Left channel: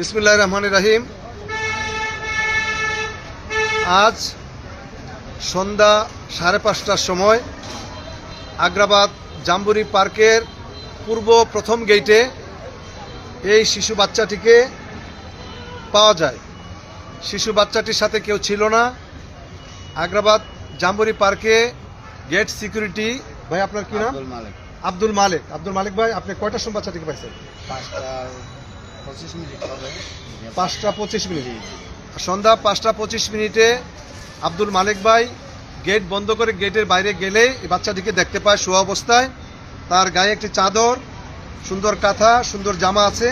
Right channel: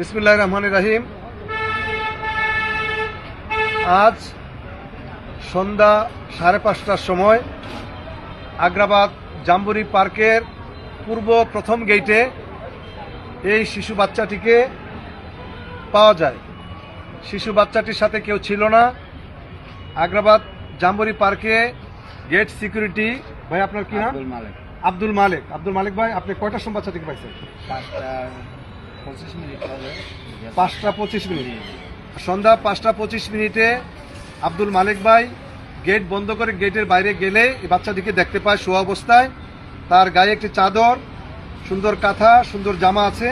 বিসমুল্লাহ রহমান রাহিম। আজ সন্ধ্যা সাড়ে পাঁচটার সময় আগ্রাবাদ জাম্বুরি পার্কের পূর্ব প্রথম গেটে এই শিশু বাচ্চাটিকে পাওয়া যায়। শিশু বাচ্চাটির সাথে কেউ ছিল না। আগ্রাবাদ জাম্বুরি পার্কে গেট সিকিউরিটি ভাই আপনার কি নাম? আব্দুল মালিক। আব্দুল মালিক। আব্দুল মালিক ভাই আপনি কয়টার সময় বাচ্চাটিকে পাইছেন? পাঁচটা পাঁচটা পঁচিশ মিনিট। সন্ধ্যা পাঁচটা পঁচিশ মিনিটে আব্দুল মালিক ভাই গেট বন্ধ করে গেটের বাইরে গেলে বাচ্চাটিকে দেখতে পায় শোয়া অবস্থায়। তার গায়ে একটি চাদর, সুন্দর কাঁথা, সুন্দর জামা আছে।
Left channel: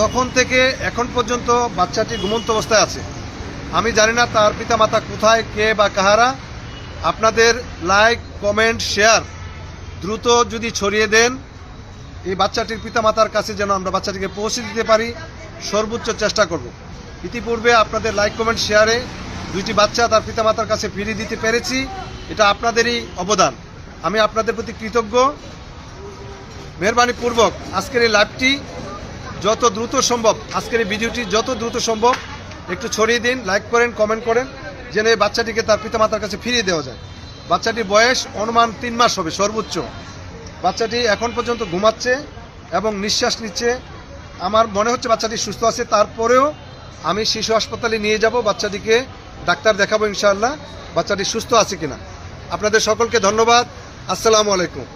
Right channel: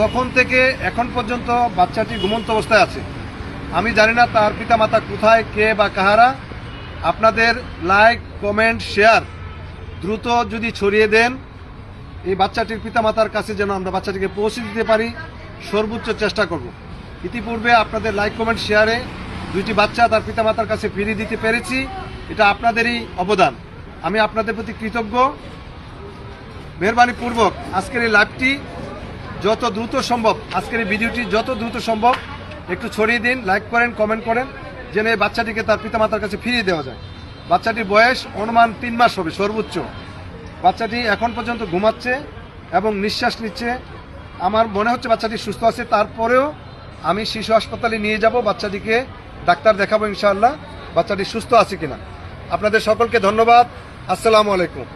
তখন থেকে এখন পর্যন্ত বাচ্চাটি ঘুমন্ত অবস্থায় আছে। আমি জানি না তার পিতামাতা কোথায়, কে বা কাহারা। আপনাদের লাইক, কমেন্ট, শেয়ার দ্রুত যদি ছড়িয়ে দেন এই বাচ্চাটির পিতামাতার কাছে যেন আমরা বাচ্চাটিকে পৌঁছে দিতে পারি, সর্বোচ্চ চেষ্টা করব। ইতিপূর্বে আপনাদের লাইক, কমেন্ট, শেয়ারে দুইটি বাচ্চা তার পিতামাতার কাছে ফিরিয়ে দিতে পেরেছি। এটা আপনাদেরই অবদান। আমি আপনাদের প্রতি কৃতজ্ঞ। মেহরবানি পূর্বক আজকের এই লাইভটি যত দ্রুত সম্ভব, আজকের এই ভিডিওটি যত দ্রুত সম্ভব একটু ছড়িয়ে দিন, লাইক করেন, কমেন্ট করেন, যেন এই বাচ্চাটিকে তার পিতামাতার কাছে ফিরিয়ে দেওয়া যায়। বাচ্চাটির বয়স অনুমান তিন মাস হবে, সর্বোচ্চ। বাচ্চাটি এখন পর্যন্ত ঘুমাচ্ছে এবং নিঃশ্বাস নিচ্ছে। আমার মনে হচ্ছে বাচ্চাটি সুস্থ আছে। তারপরেও আমি শিশু হাসপাতালে নিয়ে যাব। বাচ্চাটিকে ডাক্তার দেখাবো ইনশাআল্লাহ। বাচ্চাটি সুস্থ আছে কিনা। আপনাদের সকলকে ধন্যবাদ। আসসালামু আলাইকুম।